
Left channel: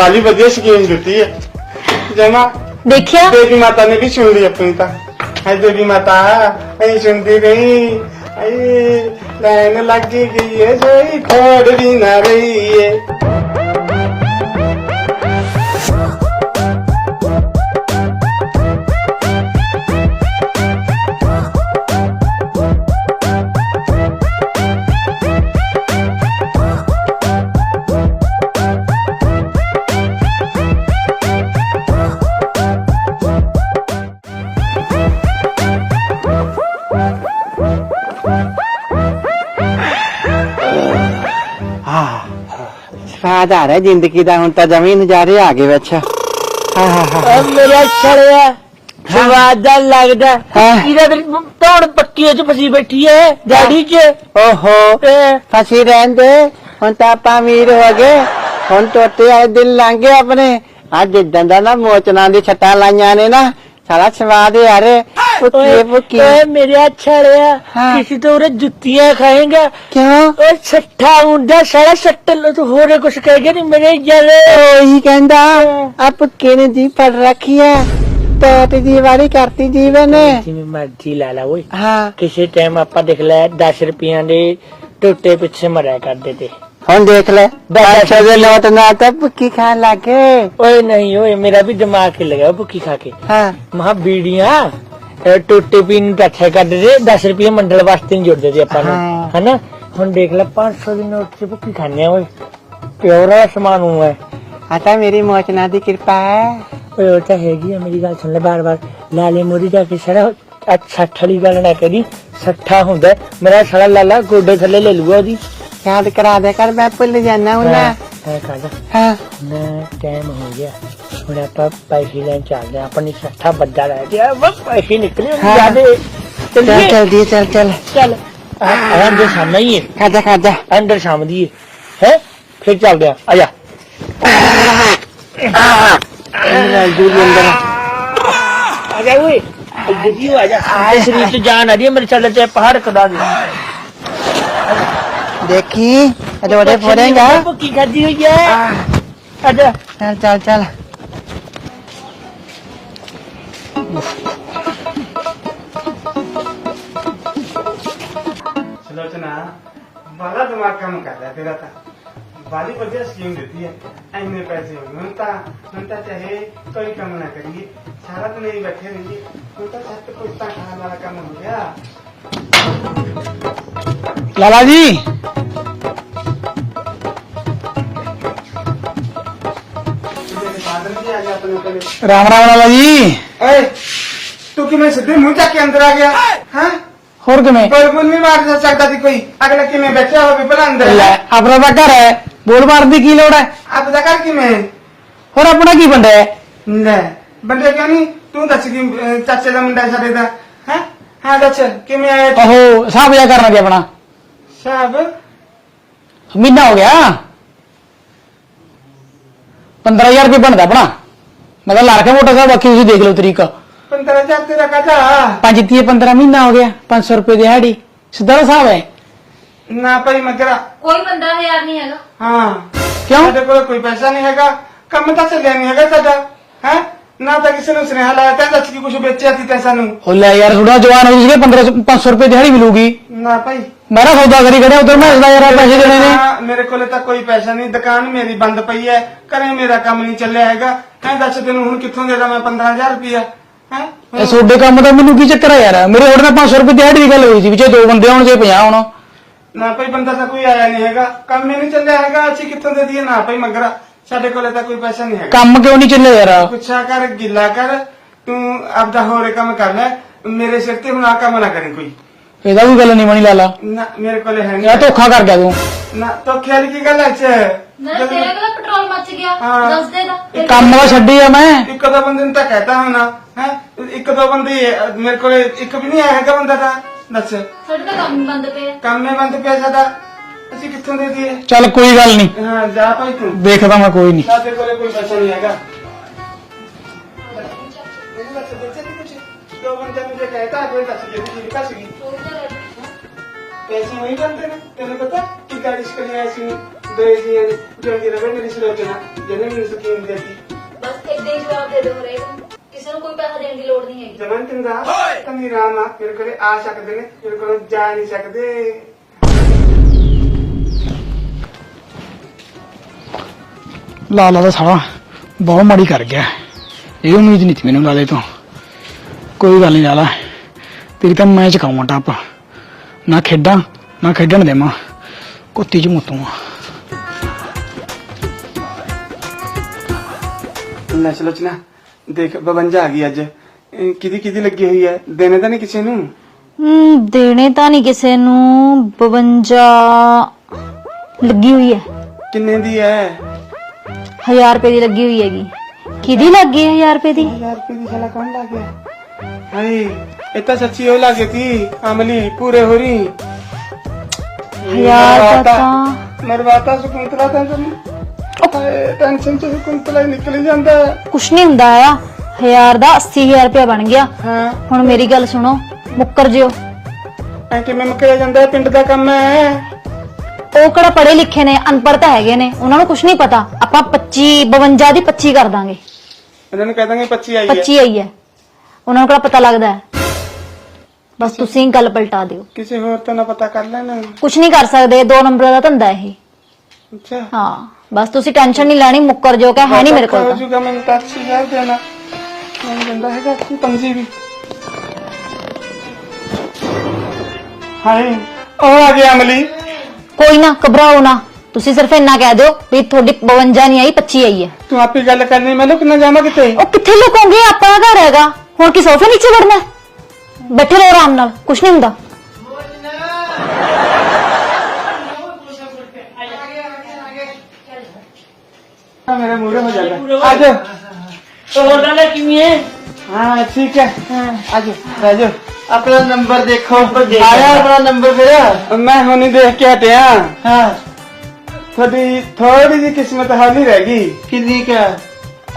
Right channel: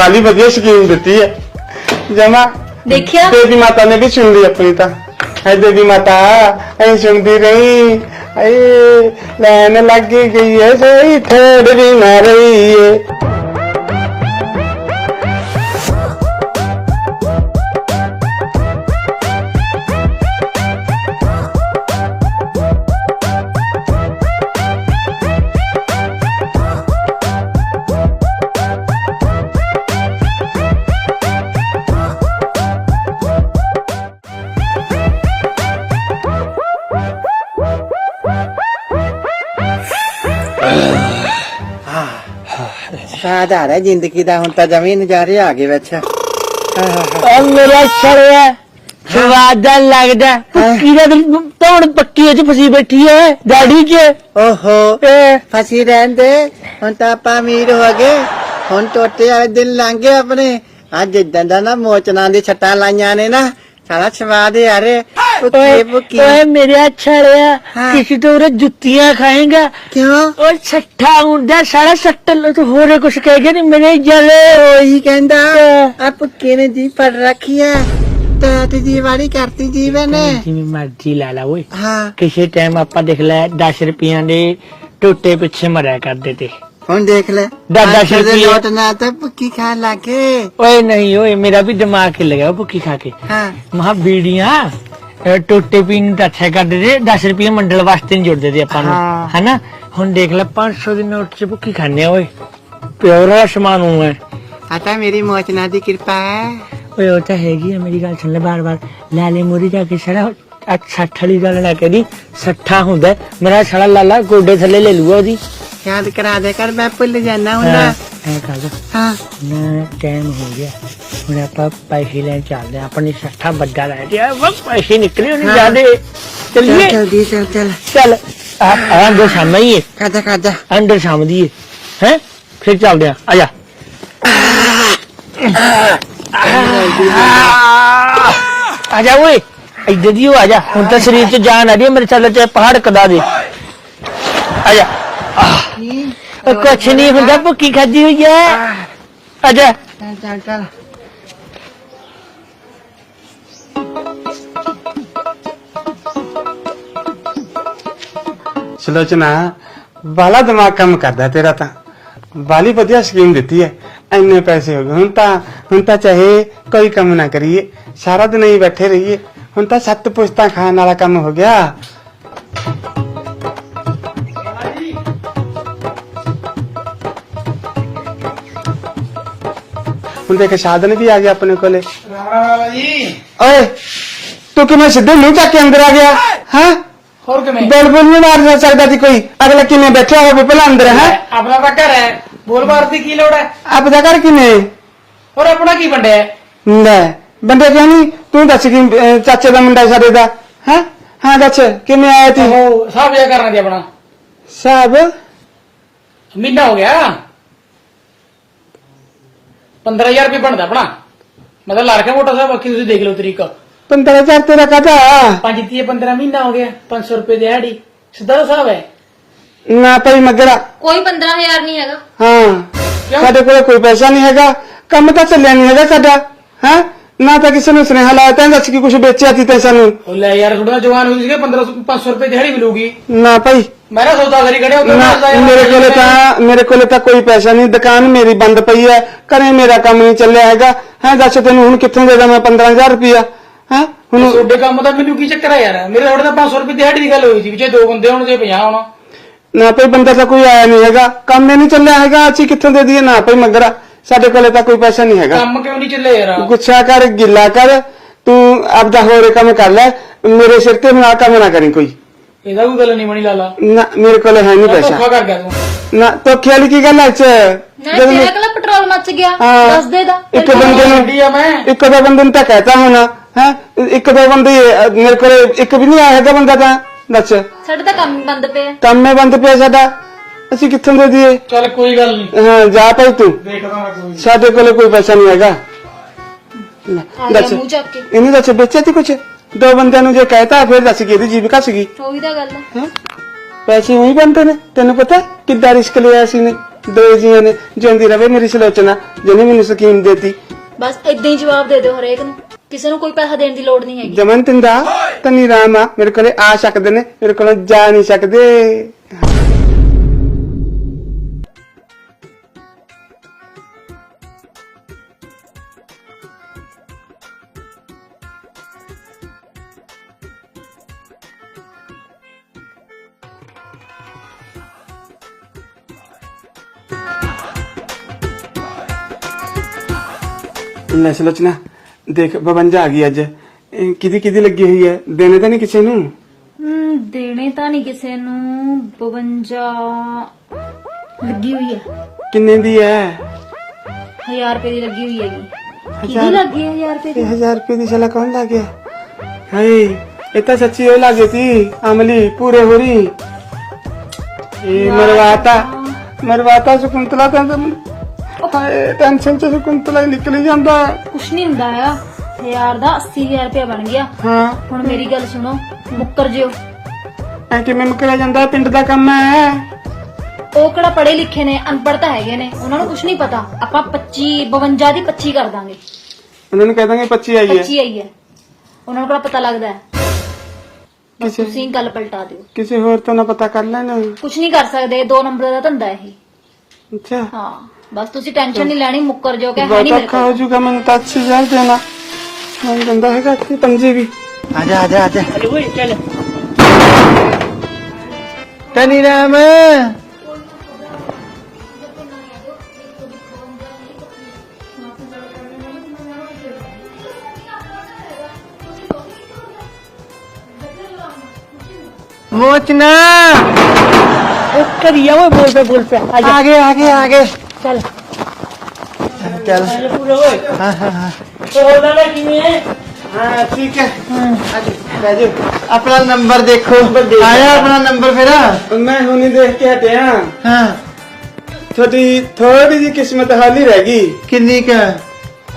ਬਾਲੀ ਵਧੀਆ ਸਕੀਮ ਦਿੱਤੀ ਹੈ। ਜਮਾ। ਦੇਖਿਆ? ਦੇਵੀ ਮਾਤਾ ਨੇ ਵੀ ਸੁਣ ਲਈ ਆਪਣੀ ਤਾਂ। ਐ ਦੇਵੀ ਮਾਤਾ ਐ ਸੁਣਦੀ ਰਹੀ ਐ ਲੈਣ ਲੱਗੀ ਗਈ ਐ ਸੋਈ ਥੋੜ ਵੀ ਨਾ ਰਹੀ ਏ ਸਵਾਦ ਆ ਰਿਹਾ ਜ਼ਿੰਦਗੀ ਦਾ ਹੁਣ ਤਾਂ ਜਮੀ ਨਜ਼ਾਰੇ ਆ ਗਏ ਵਿੱਚ। ਓ ਮੇਰਾ ਛੜਿਆ ਸਵਾਦਾ ਲੱਗਦਾ ਇਹਦਾ ਤੋੜ ਪੱਕੀ ਚ ਫਸੀ ਬੈਠੀ ਡੈਡੀ ਕੇ ਓਹੋ ਫਸੀ ਰਹਿੰਦੇ ਹੁਣ ਤਾਂ ਆਪਾਂ ਅਮੀਰ ਹੋ ਗਏ। ਹੁਣ ਟੋਟੇ ਵਾਲੇ ਦਿਨ ਲੰਘ ਗਏ ਆਪਣੇ। ਅੱਜ ਜਿੱਦਾਂ ਦਾ ਨਾ ਮੋਚਨਾ ਦੀ ਛੱਟਾਂ ਲਾਈਆਂ ਨੇ ਨਾ ਸਾਰਾ ਸਵਾਦ ਯਾਰ ਉੱਤੇ ਭੁੱਕੀ ਓਏ ਮੇਰਾ ਛੜਿਆ ਹਾਂ। ਕਿਸੇ ਤੋਂ ਉਰੇ ਜੁੱਤੀਆਂ ਖਾਏਗਾ। ਕਿਉਂ? ਓਏ ਛੱਠਾ ਹੁੰਦਾ ਸਾਲਾ ਸੱਟ ਲ ਤੂੰ ਹੋਰ ਕੁਛ ਕਹੇਗਾ ਨਹੀਂ ਮੇਰੇ ਜਲੇ। ਇਹੀ ਕਹਿੰਦਾ ਆ ਭੁੱਕੀ ਨੇ ਜੀ ਪੜ ਰੱਖੀ ਹੈ ਟੋਟ ਦੀ ਵਾਰੀ ਕਰਤੀ ਜੀਵਨ। ਜਿਵੇਂ ਮਰਜ਼ੀ ਲਾ ਲਾ ਓਏ। ਹਾਂ। ਕਿਸੇ ਟਾਈਮ ਆਪਾਂ ਦੇਖ ਲੈ 10 ਰੁਪਈਆਂ ਦੇ ਟੋਟੇ ਪਿੱਛੇ ਮਰਿਆ ਕਰਦੇ ਤੇ। ਹੁਣ ਦੇਖ ਲੈ ਦਸ ਦਸ ਦੇ ਰੁਪਏ। ਨੋਟ ਨਾਲ ਤਾਂ ਭੁੱਕੀ ਖਾਣ ਲੱਗੇ ਓਏ ਨਹੀਂ ਓਏ ਮੇਰਾ ਵੀ ਦਿਮਾਗ ਖਿਲ ਗਿਆ ਭੁੱਖੀ ਖਾ ਕੇ। ਹਾਂ। ਮਹਾ ਬੀੜੀਆਂ। ਔਰ ਟੋਟੇ ਪੀਣ ਨੂੰ ਅੱਛਾ ਕਰਦੇ ਤੇ 10 ਰੁਪਏ ਮੰਡਲ ਵਾਸਤੇ ਨਹੀਂ ਜੁੜਦੇ ਤੇ ਆਪਾਂ ਨੂੰ ਹਾਂ। ਹੈਨਾ? ਹੁਣ ਦੇਖ ਲੈ 500 ਦੇ ਨੋਟ 'ਚ ਭੁੱਖੀ ਖਾਣੇ ਓਏ। ਪਿਆਰਾ ਸਮਾਨ ਹੋਇਆ ਤਾਂ ਮੇਰੀ ਮੋਚਨਾ ਦੀ ਕਿਰਪਾ ਹੈ। ਓਏ ਉਹ ਤਾਂ ਹੈਗੀ ਆ ਮੇਰੀ ਗੱਲ ਸੁਣ ਲੈ ਬਾਰ ਬਾਰ ਲੈ ਲੈ ਮੋਰੀ ਜਾ ਕੇ ਛੜਾ ਆ 60 ਵਾਲੀ ਗੱਲ ਨਾ ਕਹਦੀ 60 ਹੁੰਦਾ। ਹੈ। ਮੇਰਾ ਛੜਾ ਲਾਲਾ ਗੋਡੇ ਥੱਲੇ ਲੈ ਲੂਗਾ ਉਹਦੀ। ਯਾਦ ਕਰਾ ਦੇ ਕਰ ਮੈਂ ਭੁੱਲ ਜਾਣਾ ਐ ਹਾਂ ਨਾ ਟਾਈਮ ਹੋ ਗਿਆ। ਹੁਣ ਆਪਾਂ ਪੈਸੇ ਲੈਣ ਚੱਲਦੇ ਆਪਣੀ ਸੱਠਾ ਬੱਗਾ ਲੈ ਤੇ ਬਸ ਪੈਸੇ ਨਿਕਲੇ ਉਹਨੇ ਹਾਂ। ਜਾਦੇ ਚੱਲ ਚੱਲੀਏ। ਚੱਲ ਦੀ ਚੱਲ ਚੱਲ। ਚੱਲ। ਆ ਅੰਦਰ ਸਾਹਮਣੇ ਹੀ ਹੈ। ਖਾਦਾ ਖਾਦਾ। ਅੰਦਰ ਸ਼ਾਮ ਦੀ ਹੈ। ਹੈ? ਫਿਰ ਚੱਲਦੇ ਆ। ਆ ਜਾ। ਆ। ਜਾ ਓਏ। ਇੱਧਰ ਦੀ ਹੋ ਆ ਜਾ। ਹੁਣ ਤੇ ਸਰੀਰ 'ਚ ਜਾਨ ਆ ਰਹੀ ਹੈ ਮੇਰੇ ਚੱਲ ਤੇ ਪਹਾੜ ਕਦਾ ਦੇ। ਆ ਜਾ। ਦੇਖੀ। ਕੁਛ ਨਹੀਂ ਹੁੰਦਾ ਭੁੱਕੀ ਖਾਦੀ ਹੋਈ ਹੈ। ਆ ਜਾ। ਚੱਲ ਚੱਲ ਚੱਲ। ਸੁਲੋਚਨਾ ਬਾਲਾ ਦਿਮਾਗ ਕੰਮ ਕਰਦਾ ਤੇਰਾ ਤਾਂ ਬਾਲੀ ਵਧੀਆ ਸਕੀਮ ਦਿੱਤੀ ਹੈ ਇੰਨੇ ਪੈਸੇ ਹੋ ਗਏ ਹੁਣ ਤਾਂ ਹੁਣ ਤਾਂ ਚਾਹੇ ਕੋਈ ਕੰਮ ਨਾ ਕਰੀਏ ਸਾਰਾ ਦਿਨ ਹੀ ਬੈਠੇ ਰਹੀਏ ਹੁਣ ਤਾਂ ਸੱਤ ਪੁਸ਼ਤਾਂ ਖਾਣ ਵਾਲਾ ਕੰਮ ਹੋ ਗਿਆ ਲਾਲਾ ਜੀ ਹੁਣ ਦੇਖ ਸਾਧਨ ਵੀ ਆ ਗਿਆ ਆਪਣੇ ਕੋਲੇ। ਰਾਮ ਰਾਮ ਲਾਲਾ ਜੀ ਓਏ ਤੂੰ ਕਿਵੇਂ ਸਿੱਧੇ ਮੂੰਹ ਚੱਕ ਕੇ ਅੰਦਰ ਆ ਗਿਆ? ਹਾਂ? ਹੋਰ ਕਿਵੇਂ? ਬੋਲ ਬੋਲ ਨਹੀਂ ਮਾਰ ਸਕਦਾ ਸੀ ਕੋਈ। ਅਗਲਾ ਕਿਵੇਂ ਬੈਠਿਆ ਹੋਵੇ ਪਹਿਲਾਂ ਅੰਦਰ ਹੈ? ਆਪਣਾ ਤਾਂ ਘਰ ਹੈ। ਬੋਲ ਮਾਰ ਦੀ ਕੀ ਲੋੜ ਹੈ? ਆਪਦਾ ਘਰ ਕਿਵੇਂ ਹੁਣ ਆਪਣਾ ਕੀ ਬੰਦਾ ਹੈ? ਲੈ ਬੰਦੇ ਕਿਉਂ ਨਹੀਂ? ਤੂੰ ਦੱਸ ਕਿ ਚਾਚੇ ਦਾ ਮੁੰਡਾ ਸਾਡੇ ਦਾ ਹੈ? ਹਾਂ ਦੱਸ ਕਿਵੇਂ ਆਇਆ ਤੂੰ? ਉਹ ਸਾਹਬ ਜਾ ਕਰਨਾ ਤੇ ਆਪਣਾ। ਸਾਹਿਬ ਮਹੀਨਾ ਹੋ ਗਿਆ। 15000 ਰੁਪਏ ਬਣਦਾ ਆਪਣਾ। ਮੈਂ ਤਾਂ ਲਾ ਕੇ ਮੋਟਾ ਸਾਹਿਬ ਬਾਕੀ ਤੁਸੀਂ ਦੇਖ ਲਓ ਤਰੀਕਾ। 15000 ਤੇਰਾ ਕਾਹਦਾ? ਪੰਜ ਤੀਏ 15 ਮਹੀਨਾ ਹੋ ਗਿਆ 500 ਰੁਪਏ ਦਿਹਾੜੀ। ਸਿੱਧਾ ਹਿਸਾਬ ਹੈ। ਨਾ ਪਈ ਮਗਰਾ। ਕੋਈ 15000 ਨਹੀਂ ਹੈਗਾ। ਹਾਂ ਸਾਡੇ ਕੋਲ ਕੋਈ ਪੈਸਾ ਨਹੀਂ ਹੈਗਾ। ਕੰਮ ਤਾਂ ਚੱਲਿਆ ਨਹੀਂ ਹੈਗਾ ਸਾਡਾ ਹਾਂ? ਨਾ ਤਾਂ ਕਿਸੇ ਨੂੰ ਸੁਨੇਹਾ ਲਾਇਆ ਤਾਂ ਦੱਸ ਕਿ ਕੁਝ ਵੇਚਿਆ ਤੀ ਤੇ ਸਾਨੂੰ ਉਹ ਲੈ ਯਾਰ ਥੋੜਾ ਜਵਾਨ ਹੋ ਸੀਗੇ 15 500 ਰੁਪਏ ਦਿਹਾੜੀ ਮਿਲੂਗੀ। ਨਾ ਭਾਈ। ਮੈਂ ਨਾ ਸੌਦਾ ਕਰੀ ਖੜੇ ਉਧਰ ਮੇਰੇ ਕੋਲੇ ਤਾਂ ਮੇਰੇ ਕੋਲੇ ਤਾਂ ਕੋਈ ਪੈਸਾ ਨਹੀਂ ਦੁਕਾਨ ਮੇਰੀ ਬੰਦ ਪਈ ਹੈ ਘਰੇ ਮੇਰਾ ਕੰਮ ਨਹੀਂ ਚੱਲਿਆ ਹੈਗਾ। ਹੈ ਦੱਸ ਤੈਨੂੰ ਹੁਣ ਕਿੱਥੋਂ ਦੇ ਦਾਂ ਮੈਂ 15000 ਰੁਪਇਆ ਹੈ ਹੁਣ ਤੁਹਾਡੇ ਕੰਮ ਦਾ ਮੈਨੂੰ ਕੀ ਚੱਕਰ ਆ ਯਾਰ? ਮੇਰੇ ਹੋਰ ਤਾਂ 500 ਰੁਪਏ ਦਿਹਾੜੀ ਦੀ ਗੱਲ ਹੋਈ ਸੀ ਵਿੱਚੇ ਦੋ ਬੰਦੇ ਹੋਣ ਜੇ 50 ਹੋਣ। ਨਾ ਭਾਈ ਬੰਦਾ ਤਾਂ ਕੋਈ ਆਇਆ ਨਹੀਂ ਹੈਗਾ। ਕੰਮ ਹੀ ਨਹੀਂ ਚੱਲਿਆ ਹੈਗਾ ਅਸੀਂ ਕਿੱਥੋਂ ਦੇ ਦਈਏ? ਨਾ ਭਾਈ ਮਗਰਾ ਸਾਡੇ ਕੋਲੇ ਤਾਂ ਕੋਈ ਪੈਸਾ ਨਹੀਂ ਹੈਗਾ। ਕੰਮ ਕਿਉਂ ਨਹੀਂ ਚੱਲਿਆ ਯਾਰ? ਗੁੱਸਾ ਕਰ ਗਿੱਲਾ ਕਰ ਤੂੰ ਆਪਦਾ ਹੋਰ ਕੰਮ ਕਰ ਲੈ ਮੇਰੇ ਸਿਰ ਤੇ ਆ ਕੰਮ ਨਾ ਕਰੀ ਕੋਈ। ਇਹਦਾ ਵੀ ਗੱਲ ਨਹੀਂ ਬਣੀ ਲਾਲਾ। ਨਾ ਮੇਰੇ ਕੋਲ ਹੈ ਨਹੀਂ ਧੋਖਾ ਪੈਸਾ। ਕਰ ਗਿਆ ਤੂੰ। ਨਾ ਧੋਖੇ ਵਾਲੀ ਕੀ ਗੱਲ ਹੈ ਚ ਨਾ ਜਦੋਂ ਮੈਂ- ਤੇਰਾ ਕੋਲ ਪੈਟਰੋਲ ਮੱਚ ਗਿਆ ਹਾਂ। ਦੱਸ ਦੇ ਦਾ ਇੱਕ ਕੰਮ ਬੰਦਾ ਨਾ ਛੱਡੀ ਆ ਮੈਂ। ਇੱਕ ਦੋ ਬੰਦੇ ਨੂੰ ਤਾਂ ਕਹਿਤਾ ਹੋਣਾ ਹੈ? ਇੱਕ ਦੋ ਬੰਦੇ ਮੇਰੇ ਕੋਲ ਇੱਕ ਵੀ ਨਹੀਂ ਆਇਆ ਹੈਗਾ ਬੰਦਾ ਤਾਂ। ਦੱਸ। ਸਾਡੇ ਤਾਂ ਕੰਮ ਬੰਦ ਪਿਆ। ਕੰਮ ਮੇ ਬੰਦ ਪਿਆ ਸਾਡਾ। ਅਸੀਂ ਕਿੱਥੋਂ ਦੇ ਦਈਏ? ਚੱਲ ਕੋਈ ਗੱਲ ਨਹੀਂ ਹਾਂ ਜਾ ਭਾਈ ਤੂੰ। ਦੇਖਦਾ ਮੈਂ ਕੋਈ ਨਹੀਂ ਸਾਡੇ ਕੋਲ ਕੋਈ ਪੈਸਾ ਨਹੀਂ ਹੈਗਾ। ਆ ਦੱਸ। ਮੂੰਹ ਚੱਕ ਕੇ। ਇਹਨੂੰ ਦੱਸ ਵੇਚਿਆ ਤੀ ਕੁਛ? ਦੋ ਬੰਦਿਆਂ ਨੂੰ ਜੇ ਕਹਿਤਾ ਫਿਰ ਦੱਸ ਕਿ ਇਹਦੀ ਜੀਵਿਕਾ ਸੀਗੀ ਉਹੀ ਤਾਂ ਗੱਲ ਹੈ ਹੈਂ? ਪੈਸੇ ਉਹੀ ਬੰਦੇ ਨੇ। ਤੈਨੂੰ ਪਤਾ ਕਿੱਦਾਂ ਰਿਸਕ ਲਿਆ ਸੀ ਨੇ ਦੋ ਜੀਆਂ ਨੇ ਜਿਉਂਦੀ ਰਵੇ ਮੇਰੀ ਸਲੋਚਨਾ ਜਿਹਨੇ ਮੈਨੂੰ ਸਕੀਮ ਦੇਤੀ। ਬਸ ਇਦਾਂ ਹੀ ਜਵਾਬ ਦੇ ਦਿਓ ਹਰੇਕ ਨੂੰ। ਕਿਸੇ ਨੂੰ ਕੋਈ ਪੈਸਾ ਦੇਣ ਦੀ ਲੋੜ ਨਹੀਂ ਹੈਗੀ। ਜਮਨ ਤਿੰਦਾ ਤਨੀ ਰਾਮ ਆ। ਮੇਰੇ ਕੋਲੇ ਆ ਸਕਦੇ ਨੇ ਮੇਰੇ ਕੋਲੋਂ ਜਾ ਨਹੀਂ ਸਕਦੇ। ਲਾਲਾ ਦਾ ਸਾਲਾ ਬਹੁਤ ਮਾੜੀ ਕਰ ਗਿਆ। ਇਹ ਉਮੀਦ ਨਹੀਂ ਸੀ ਮੈਨੂੰ ਲਾਲੇ ਤੋਂ। ਕੋਈ ਗੱਲ ਨਹੀਂ ਲਾਲਾ ਤੇਰੀ ਤਾਂ ਮੈਂ ਚਕਾਵਾਂ ਟੱਪ। ਨਾ ਖੇਡਾਂ ਨਾ ਖੇਡਣ ਦੇਵਾਂ। ਕੁੱਤੀ ਚ ਮੁੱਤੂਆਂ ਲੈ ਸਲੋਚਨਾ ਦੇਖ 52 ਆ ਗਈ ਅੱਜ। ਇਹ ਕਿਹਦੀ ਕਿਹਦੀ ਲੱਗੀ ਹੋਈ ਹੈ? ਦੇਣੇ ਤਾਂ ਨਹੀਂ ਕਿਸੇ ਨੂੰ? ਹਮ ਦੇਣੇ ਤਾਂ ਨਹੀਂ ਕਿਸੇ ਨੂੰ। 52 ਲੱਗੀ ਹੋਈ ਹੈ। ਕਿੰਨੇ ਦੀ ਹੈ? 1000 ਰੁਪਏ ਦੀ ਲੱਗੀ ਹੋਈ ਹੈਗੀ। ਕਿਹਦੀ ਲੱਗੀ ਹੈ 1000 ਰੁਪਏ ਦੀ? 1000 ਰੁਪਏ ਦੀ ਸਾਲਾ ਕੌਣ ਲਾ ਗਿਆ? ਹਾਏ ਇਹ ਤਾਂ ਸੱਚੀ ਉਹ ਲੱਗੇ ਸੀ ਅਮਲੀ ਪੂਰੇ ਹੋ ਰਹੀ ਮਰਵਾਤਾ ਮਰਵਾਤਾ ਸੁਕੁੰਤਲਾ ਤਾਂ ਹਾਏ ਟੈਨਸ਼ਨ ਚ ਸੁਕੁੰਤਲਾ ਹੀ ਨਿਕਲ ਜਾਂਦਾ। ਕੁਛ ਨਹੀਂ ਹੁੰਦਾ ਆ। 1000 ਦਾ 80000 ਰੁਪਏ ਬਣ ਗਿਆ। ਹਾਂ। ਹੁਣ ਮੇਰੀ ਗੱਲ ਸੁਣੋ ਮੁੱਕਰ ਜਿਓ। ਐ ਕਿਵੇਂ ਮੁਕਰਿਆ ਜਾਂਦਾ? ਪਿੰਡ ਦਾ ਕੰਮ ਹੈ। ਉਹ ਕਿਹੜਾ ਪੜ੍ਹੇ ਲਿਖੇ ਨੇ ਅਨਪੜ੍ਹ ਤਾਂ ਹੈਗੇ ਨੇ ਉਹਨਾਂ ਨੂੰ ਕੁਛ ਨਹੀਂ ਪਤਾ। ਆਪਾਂ 25 52 ਦੀ 25 ਕਰ ਦਾਂਗੇ। ਉਹਨਾਂ ਨੂੰ ਕਹਿ ਦਾਂਗੇ 25 ਆਈ ਹੈ। 25 ਆਈ ਹੈ। ਉਹਨਾਂ ਨੂੰ ਕਿਹੜਾ ਪਤਾ ਲੱਗਦਾ ਹੈ? ਬਸ ਤੁਸੀਂ ਗੱਲ ਪਲਟਾ ਦਿਓ। ਕਿਸੇ ਹੋਰ ਤੋਂ ਨਾ ਪਤਾ ਕਰ ਲੈਣਾ। ਕੁਛ ਨਹੀਂ ਕਰ ਸਕਦੇ ਦੋ ਨੰਬਰਾਂ ਦਾ ਧੰਦਾ ਇਹ। ਅੱਛਾ। ਹਾਂ ਬਸ ਤੁਸੀਂ ਟੈਨਸ਼ਨ ਨਹੀਂ ਲੈਣੀ ਮੁੱਕਰ ਜੋ ਕਿ ਹੈ ਨਹੀਂ ਮੇਰੇ ਹੋ ਕੋਲ ਜੂਗਾ ਮੈਨੂੰ ਤਾਂ ਅੱਛੀ ਜਾਣ ਦੇਣਾ। ਮੈਂ ਕਹਿੰਦਾ ਹੈਗਾ ਕਿ ਪੰਜੇ ਵੀ। ਆ ਜਾ ਆ ਜਾ ਆ ਜਾ। ਹਾਏ ਉਹ ਕੋਈ ਨਾ ਘਬਰਾਓ ਨਾ। ਤੁਸੀਂ ਸਿਰਫ ਇੰਨਾ ਕਹਿ ਦਿਓ ਵੀ ਤੁਹਾਡੀ 52 ਨਹੀਂ ਆਈ 25 ਆਈ ਹੈ। ਤੂੰ ਆਪੇ ਗੱਲ ਕਰਨੀ ਮੈਂ ਲੁਕ ਨਾ ਜਾਵਾਂ ਕਿਤੇ? ਉਹ ਕਿੱਥੇ ਲੁਕੋਗੇ? ਆਪਾਂ ਦਾ ਘਰ ਹੈਗਾ। ਹੁਣ ਕੀ ਸੋਫੇ ਨੀਚੇ ਵੜਨਾ ਹੈ? ਬੈਠੇ ਰਹੋ ਆਰਾਮ ਨਾਲ ਕੁਛ ਨਹੀਂ ਹੁੰਦਾ। ਮੋਚਨਾ। ਕਰੀਆ ਓਏ ਬੋਲ ਪੇ ਬੋਲ ਪੇ ਆ ਜਾ। ਆ ਗਏ ਆ ਗਏ ਆ ਗਏ। ਚੱਲ। ਹੋਰ ਲਾਲਾ ਕਿਵੇਂ ਹੈ ਹਾਂ ਠੀਕ ਹੈ। ਅੱਜ ਰਾਜੂ ਆਪਣਾ ਨੰਬਰ ਦੇਖੋ। ਆਇਆ ਆਪਣਾ ਨੰਬਰ ਫਿਰ? ਮੈਂ ਹੁਣੀ ਦੇਖ ਕੇ ਹਟਿਆ। ਹਾਂ। ਤੁਹਾਡੀ ਥੋੜੀ ਜਿਹੀ ਕਿਸਮਤ ਹਾਲੀ ਰਹਿ ਗਈ। ਕਿੰਨੀ ਕਾ?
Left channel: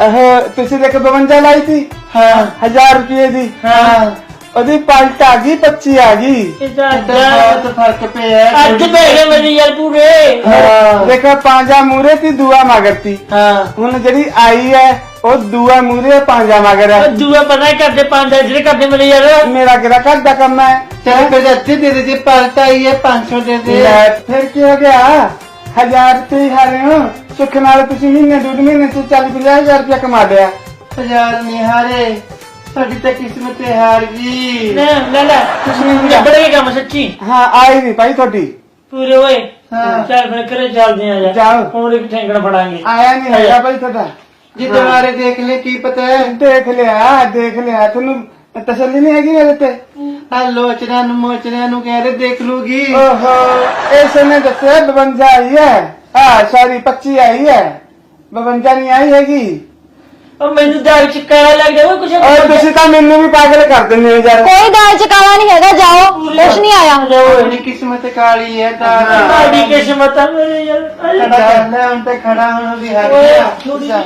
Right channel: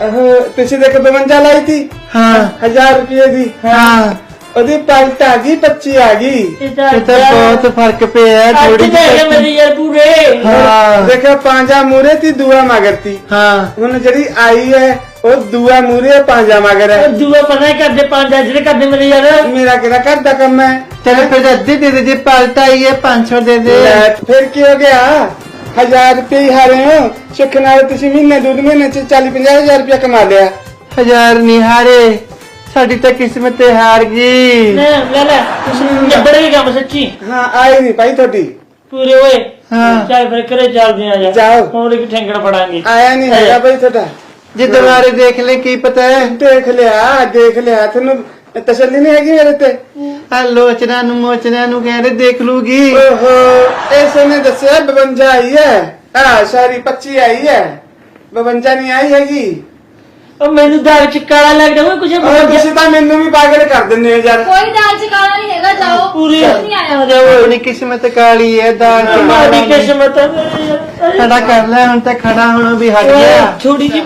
ਆਹ ਪਿੱਛੇ ਦੇਖ 52 ਲਾਈ ਸੀ। ਹਾਂ। 1000 ਰੁਪਏ ਦੀ। ਹਾਂ। ਉਹਦੀ ਪਾਲਟ ਆ ਗਈ 25 ਆ ਗਈ। ਇਹ ਤਾਂ ਬਹੁਤ ਫ਼ਰਕ ਪਿਆ ਤਾਂ ਇਹ ਮੇਰੀ ਯਾਰ ਪੂਰੇ। ਹਾਂ। ਦੇਖੋ ਪਾਂਜਾ ਮੂਰੇ ਤੀ ਦੁਆ ਮਗਰਤੀ ਹਾਂ। ਹੁਣ ਜਿਹੜੀ ਆਈ ਹੈ ਉਹ ਦੁਆ ਮੂਰੇ ਪਾਂਜਾ ਮਗਰ। ਹੈ ਉਹ ਦੂਆ ਪਤਾ ਹੀ ਕਰਦੇ ਪੰਜ ਜਿਹੜੇ ਕਰਦੇ ਮੇਰੇ ਯਾਰ? ਮੇਰਾ ਕਿਹੜਾ ਘਰ ਦਾ ਕੰਮ ਹੈ? ਤੇਰੇ ਕੋਲ ਅੱਧੀ ਤੇਰੇ ਦੀ ਪਾਲਟ ਆਈ ਹੈ 500 ਦੇ ਦੇ। ਲੈ, ਫਿਰ ਕੀ ਹੋ ਗਿਆ? ਹਜ਼ਾਰ ਰੁਪਏ ਹੀ ਹਾਰੇ ਹੋ। ਸੁੱਖ ਨਾਲ ਤੁਸੀਂ ਮਹੀਨੇ ਦੋ ਮਹੀਨੇ ਚ 40 50 ਹਜ਼ਾਰ ਰੁਪਏ ਕਮਾ ਲਿਆ। ਹਜ਼ਾਰ ਨਿਹਾਰੇ ਸਾਡੀ ਤਾਂ ਕਿਸਮਤ ਹੀ ਹਾਰ ਗਈ। ਲੈ ਲੈ ਲੈ। ਨਿਬੜ ਗਿਆ ਕੰਮ ਸੱਚੀ? ਹਾਂ ਆਈ ਨਹੀਂ ਭਾਈ ਤੁਹਾਡੀ। ਪੂਰੇ ਓਏ ਹਾਂ। ਚੱਲ ਫਿਰ ਕਰੇ ਚੱਲਦੇ ਆ ਯਾਰ। ਜਾਓ। ਹੋਰ ਇੱਕ ਠੈਂਗਣ ਫੜਾਂਗੇ। ਆਇਆ ਨਹੀਂ ਹੈਗਾ ਭਾਈ ਤੁਹਾਡਾ। ਜੇ ਦੁਬਾਰੇ ਦੇਖ ਲੈ ਕੀ ਪਤਾ ਹੈ? ਦੇਖ ਲਿਆ ਦੇਖ ਲਿਆ। ਤੁਹਾਨੂੰ ਤਸੱਲੀ ਨਹੀਂ ਹੈਗੀ ਮੇਰੇ ਤੇ? ਆ ਲੋਚਨਾ ਨੂੰ ਮੋਚਨਾ ਨੂੰ ਕਹਿੰਦੇ ਦੇਖ ਲੂਗੀ। ਓਹੋ ਐਸੇ ਨੇ ਦੱਸਿਆ 52 ਆਈ ਹੈ। ਹਾਂ ਸਾਰੀ 25 ਆਈ ਹੈ। 52 ਨਹੀਂ ਆਈ ਹੈਗੀ। ਉਹ ਮੈਨੂੰ ਦਾਲ ਚ ਕਾਲਾ ਲੱਗਦਾ ਓਏ ਕੁਛ ਅਰੇ ਤੁਸੀਂ ਤਾਂ ਮੈਨੂੰ ਵੀ ਪਾਗਲ ਕਰ ਦਿੰਦੇ ਹੋ ਯਾਰ। ਕੋਈ ਦਾਲ ਚ ਕਾਲਾ ਨਹੀਂ ਹੈਗਾ ਜਾਓ। ਕੁਛ ਨਹੀਂ ਆਇਆ ਆਪਣੀ ਕਿਸਮਤ ਕਾਲੀ ਹੈ ਦਾਲ ਮਾੜੀ ਕਿਸਮਤ ਆ। ਖੜਾ ਕਰ ਲੈ ਹੁਣ ਤਾਂ ਖੜਾ ਹੋਣਾ ਵੀ ਹਟ ਗਿਆ। ਥੋੜੀ ਜਿਹੀ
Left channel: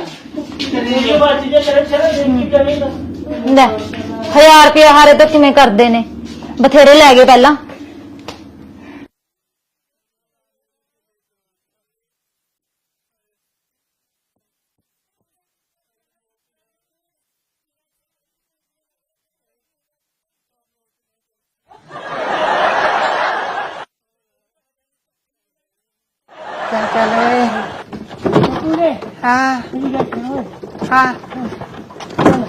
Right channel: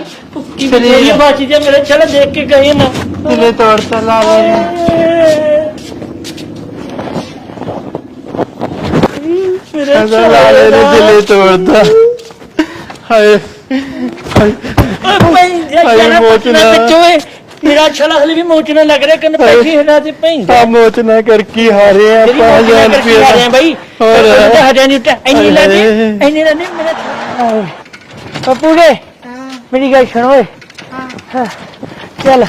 ਭੁੱਕੀ ਵੀ ਬਾਚੀ ਜੇ ਮੇਰੇ ਚਲ ਦੇਖ ਕੇ ਗਏ ਨਾ। ਤੇਰੇ ਤਾਂ ਲਾ ਲਾ 1000 ਰੁਪਏ ਹਾਰੇ ਤਾਂ ਕਿਵੇਂ ਕਰਦੇ ਨੇ। ਬਥੇਰੇ ਲੈ ਗਏ ਪਹਿਲਾਂ। ਲਾਲੇ ਨੇ ਦਿਲੇ ਤੋੜਦਾ ਹਾਏ ਯਾਰ ਮੋਚਨਾ। ਬੱਚੋਏ ਮੇਰਾ ਛਲਾ ਹਲੇ ਵੀ ਮੋਚਣਾ ਲੱਗ ਰਿਹਾ ਕੰਨ ਪੈਸੇ ਹਿਲਾ ਤੇ ਪੈਂਦਾ ਆ ਮੋਚਨਾ ਕਰ ਕੀ ਹਾਰੇ ਹਜ਼ਾਰ ਮੋਚਨਾ ਕਰਕੇ ਆ ਰਹੇ ਆ ਰੁਪਏ ਬਾਈ। ਹੋਰ। ਨਹੀਂ ਉੱਤੇ ਇੰਨੀ ਲਾ ਦੇ ਇੰਨੀ ਲਾ ਦੇ। ਪਪੂੜੇ ਹਾਂ। ਮੇਰੀ ਗੱਲ ਸੁਣ ਓਏ। ਹਾਂ। ਚੱਲ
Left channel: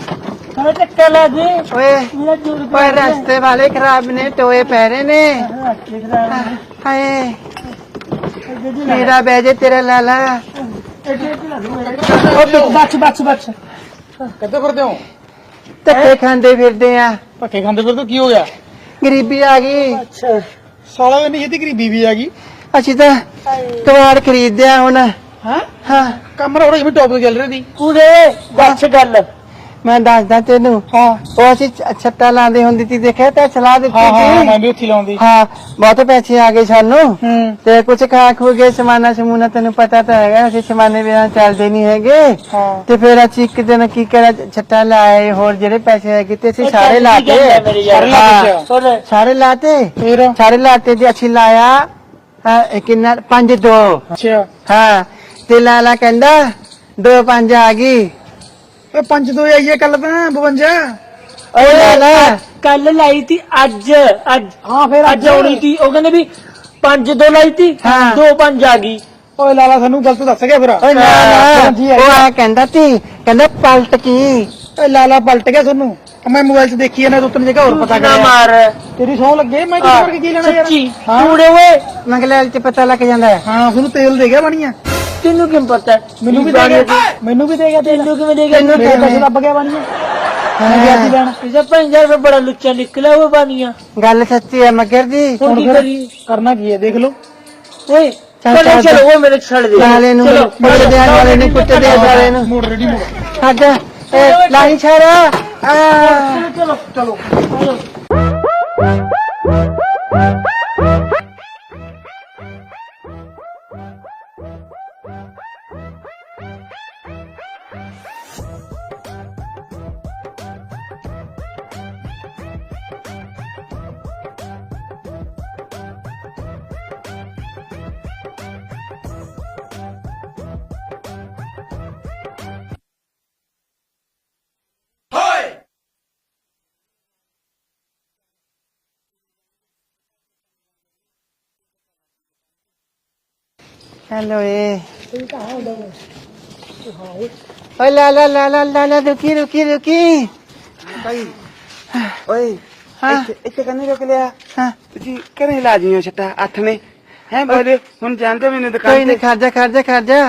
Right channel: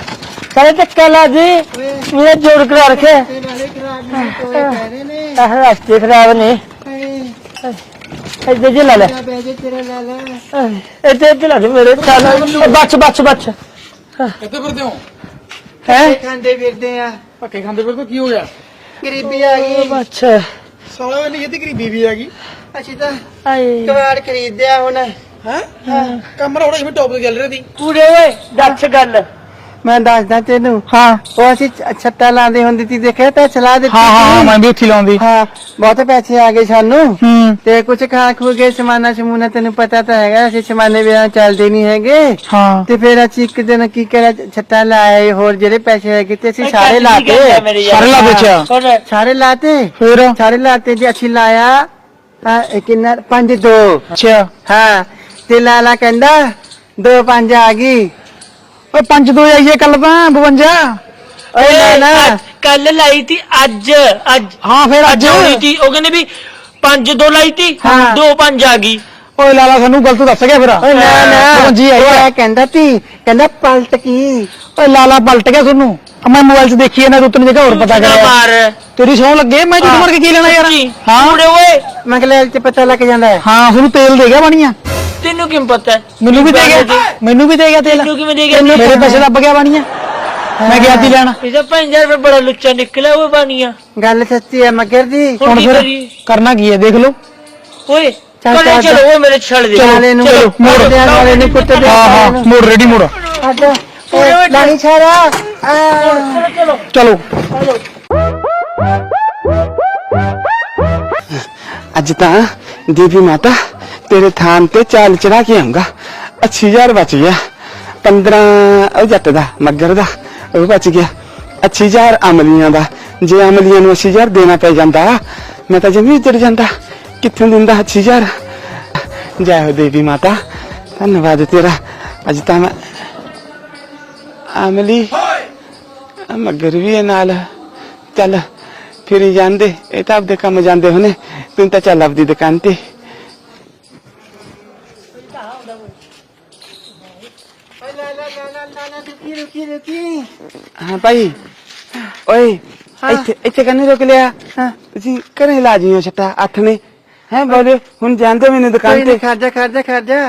ਸਾਰੇ ਧੱਕਾ ਲਾ ਦੇ। ਓਏ। ਮੇਰਾ ਜੋੜ ਕਰਾ ਦੇ। ਰਸਤੇ ਵਾਲੇ ਖਰਾਬ ਨੇ ਟੋਏ ਪੈ ਰਹੇ ਨੇ। ਆਹ ਰਸਤੇ ਖਰਾਬ ਨੇ। ਹਾਏ। ਇੱਧਰ ਜੇ ਲਾ ਲੈ ਤੇਰਾ ਬਹਿ ਜੇ ਤੇਰਾ ਲਾਲਾ ਇੱਥੇ ਇੱਥੇ ਲਾ ਦੇ ਮੇਰੇ। ਚੱਲ ਬੱਚ ਬੱਚ ਬੱਚ ਕਿੱਥੇ ਫਿਰਦੇ ਹੋ? ਧੱਕੇ ਖਾਂਦੇ ਫਿਰਦੇ ਆ। ਧੱਕੇ ਖਾਂਦੇ ਫਿਰ ਤਾਂ ਕੀ ਹੋਇਆ? ਗਰੀਬੀ ਆ ਗਈ। ਅੱਛਾ। ਸਾਲਾ ਵੀ ਇਹਦੀ ਗਰੀਬੀ ਵੀ ਆ ਗਈ। ਅਸੀਂ ਤਾਂ ਕਵਾੜ ਖਰੀਦਿਆ ਹੁਣ। ਹਾਂ? ਕੰਮ ਨਾ ਹੁਣ ਜਿਵੇਂ ਟੌਪ ਤੇ ਚੱਲ ਰਿਹਾ ਦੀ ਪੂਰੇ ਦੱਸ ਗੱਲ। ਮੈਂ ਦੱਸਦਾ ਤੈਨੂੰ। ਹਾਂ। ਉਹ ਅਸੀਂ ਛ- ਛੱਟਾ ਲਾਉਂਦੇ ਹੁੰਦੀ ਸੀ ਦੇਖਿਆ ਤਾਂ ਚਲਾ ਦਿੱਤੀ ਹਾਂ ਹਾਂ ਸੀ ਮੈਂ ਵੀ ਉੱਥੇ ਲਾਉਂਦੀ। ਹਾਂ ਬਹੁਤ ਪੈਸੇ ਆ ਗਏ ਸਾਨੂੰ। ਹੂੰ। ਤੇ ਕੁਝ ਖਾਂ ਖੂ ਗਏ ਸਮਾਨਾ ਸਮੂਨਾ ਤੈਨੂੰ ਪਤਾ ਤਾਂ ਹੈਗਾ ਅਸੀਂ ਸਮਾਨੇ ਵਿਆਹ ਚੱਲਦੇ ਨਹੀਂ ਹੈਗੇ। ਹਾਂ। ਤੇ ਫਿਰ ਅਸੀਂ ਇੱਕ ਦਿਨ ਕੀ ਕਰਿਆ ਛੱਟਾ ਲਾਏ ਹੋਰ ਜਿਹੜੇ ਪੈਸੇ ਹੈਗੇ ਤੇ ਅਸੀਂ ਸਾਰੇ ਲਾਤੇ। ਸਾਰੇ ਲਾ ਵਿੱਚ ਸਾਰੇ ਲਾਤੇ? ਹੋਰ। ਸਾਰੇ ਲਾਤੇ ਤੇ ਅਸੀਂ ਲਾਇਆ ਹਾਂ, ਇਹ ਕਿੰਨਾ? ਪੰਜ ਦੋ। ਅੱਛਾ। ਹਾਂ। ਤੇ ਲਾਲਾ ਕਹਿੰਦਾ ਦੋ ਪੰਜ ਆ ਗਈ। ਓਏ ਪੰਜ ਦੋ ਆਈਏ ਕੱਲ ਤਾਂ 52 ਉਹ ਲਾਲਾ ਕੱਲ ਲਾਈ ਤੀ ਅੱਜ ਅੱਜ। ਹਾਂ ਫਿਰ ਅੱਜ ਆਉਣੀ ਤੀ। ਉਹ ਕਹਿੰਦੇ ਵੀ ਪੰਜ ਦੋ ਲਾਈ ਤੀ ਹਾਂ। ਦੋ ਪੰਜ ਆ ਗਈ। ਓਏ ਲਾਲਾ ਸਾਨੂੰ ਗਲਤ ਦੱਸ ਗਿਆ ਫਿਰ। ਓਏ ਨਾ ਨਾ। ਜੀ ਉਹ ਆ। ਕਹਿੰਦਾ ਤੀ ਕਹਿੰਦਾ ਪਲਟ ਕੀ? ਓਏ ਲਾਲਾ ਪਲਟ ਗਿਆ ਤੁਹਾਨੂੰ। ਮੈਂ ਮੋਬਾਈਲ 'ਚ ਦੇਖੀ ਇਹਨਾਂ ਰੁੱਤਨ ਜਗ੍ਹਾ ਹੋਰ ਪਤਾ ਨਾ ਕਰਿਆ। ਮਾਰ। ਤੇਰੀ ਸੌ ਲੱਗੇ ਮੈਂ ਤੈਨੂੰ ਮਾਰ ਕੇ ਕੀ ਲੈਣਾ ਯਾਰ। ਹਾਂ। ਕੂੜੇ ਓਏ। ਮੰਗਲੇ ਚ ਪਤਾ ਲੱਗ ਜਾਂਦਾ। ਹੈ। ਹਾਂ ਤੁਹਾਨੂੰ ਤੇਲ ਦੇ ਗਿਆ ਬਣੀਆਂ। ਤੈਨੂੰ ਕਿਵੇਂ ਪਤਾ? ਹੈ? ਮੈਨੂੰ ਵੀ ਦੇ ਗਿਆ। ਮੈਨੂੰ ਵੀ ਦੇ ਗਿਆ ਤੇਲ। ਤੈਨੂੰ ਕਿਵੇਂ ਦੇ ਗਿਆ? ਤੈਨੂੰ ਮੇਰੇ ਪੈਸੇ ਗਿਆ ਬਣੀਆਂ? ਮੈਂ ਗਿਆ ਸੀ ਲੈਣ। ਇਹਦਾ 5000 ਰੁਪਏ ਬੜਾ ਲੁੱਚਾ ਨਿਕਲਿਆ ਉਹ ਬਾਨੀਆਂ ਗੱਲ ਸੱਚੀ ਹੈ ਮਗਰ ਦੀ ਹੁਣ ਕੀ ਕਰਨਾ ਕੀ ਹੈ ਦੇਖ ਲਓ। ਓਏ ਚੱਲ, ਚੱਲ ਚੱਲ, ਚੱਲ। ਓਏ ਮੇਰੇ ਛੱਡ ਦੇ। ਚਾਲੇ ਨੂੰ ਮੋੜ ਦਿਆਂ ਵਾਲੇ ਨੂੰ ਕੁੱਟ ਦਿਆਂ ਵਾਲੇ ਨੂੰ। ਮੋੜ ਰੈਡੀ ਮੋੜ। ਅੱਗ ਲਾਈ ਛਾਰਾ ਆ। ਚਲੋ। ਅੱਜ ਤਾਂ ਦੇਵੀ ਮਾਤਾ ਤੇਰੇ ਥਾਨ ਤੇ ਚਾਲ ਚੜਾ ਕੇ ਆਉਂਗਾ। 8000 ਬਚ ਗਿਆ। 15 ਉਹ ਜੱਟ ਦਾ ਮੱਗਰ ਦਾ ਉਹ ਬਚ ਗਿਆ। 8000 ਅਮਲੀਆਂ ਦਾ। ਜੇ ਅਮਲੀਆਂ ਨੂੰ 8000 ਦੇਣਾ ਪੈ ਜਾਂਦਾ ਮੈਂ ਤਾਂ ਜਮੀ ਉੱਜੜ ਜਾਂਦਾ। ਕਿੱਥੋਂ ਦਿੰਦਾ 8000 ਜੈ ਹੋ ਦੇਵੀ ਮਾਤਾ ਧੰਨਵਾਦ ਤੇਰਾ। ਅੱਜ ਤਾਂ ਮੈਂ ਅਮਲੀ ਮੱਗਰ ਵੀ ਹੈ ਨਾਲ। ਚੱਲ ਫਿਰ ਜਾਂਦੇ। ਇਹ ਤਾਂ ਆਪਦੇ ਕੰਮ ਜਾਂਦੇ ਹੋਣੇ। ਤੂੰ ਤਾਂ ਚੱਲ ਆਪਦੀ ਦੁਕਾਨ ਤੇ। ਹੈਲੋ ਏ ਓਏ ਲਾ ਲਾ ਲਾ ਲਾ ਲਾ ਲਾ ਰੁਕੀ ਰੁਕੀ ਰੁਕੀ ਹਾਂ ਭਾਈ ਓਏ ਇੱਥੇ ਇੱਥੇ ਕੰਨੇ ਰੋਕ ਲਿਆ ਹਾਂ ਤੁਸੀਂ ਘਰੇ ਲਾ ਜੀਓ ਛੱਟਾ ਅੱਠ ਨੇ ਹੈ ਬਾਬੇ ਹੁਣ ਜਾਂਦੇ ਮੈਨੂੰ ਦੁਕਾਨ ਤੇ ਖਰਜਾ ਖਰਜਾ ਖਰਜਾ।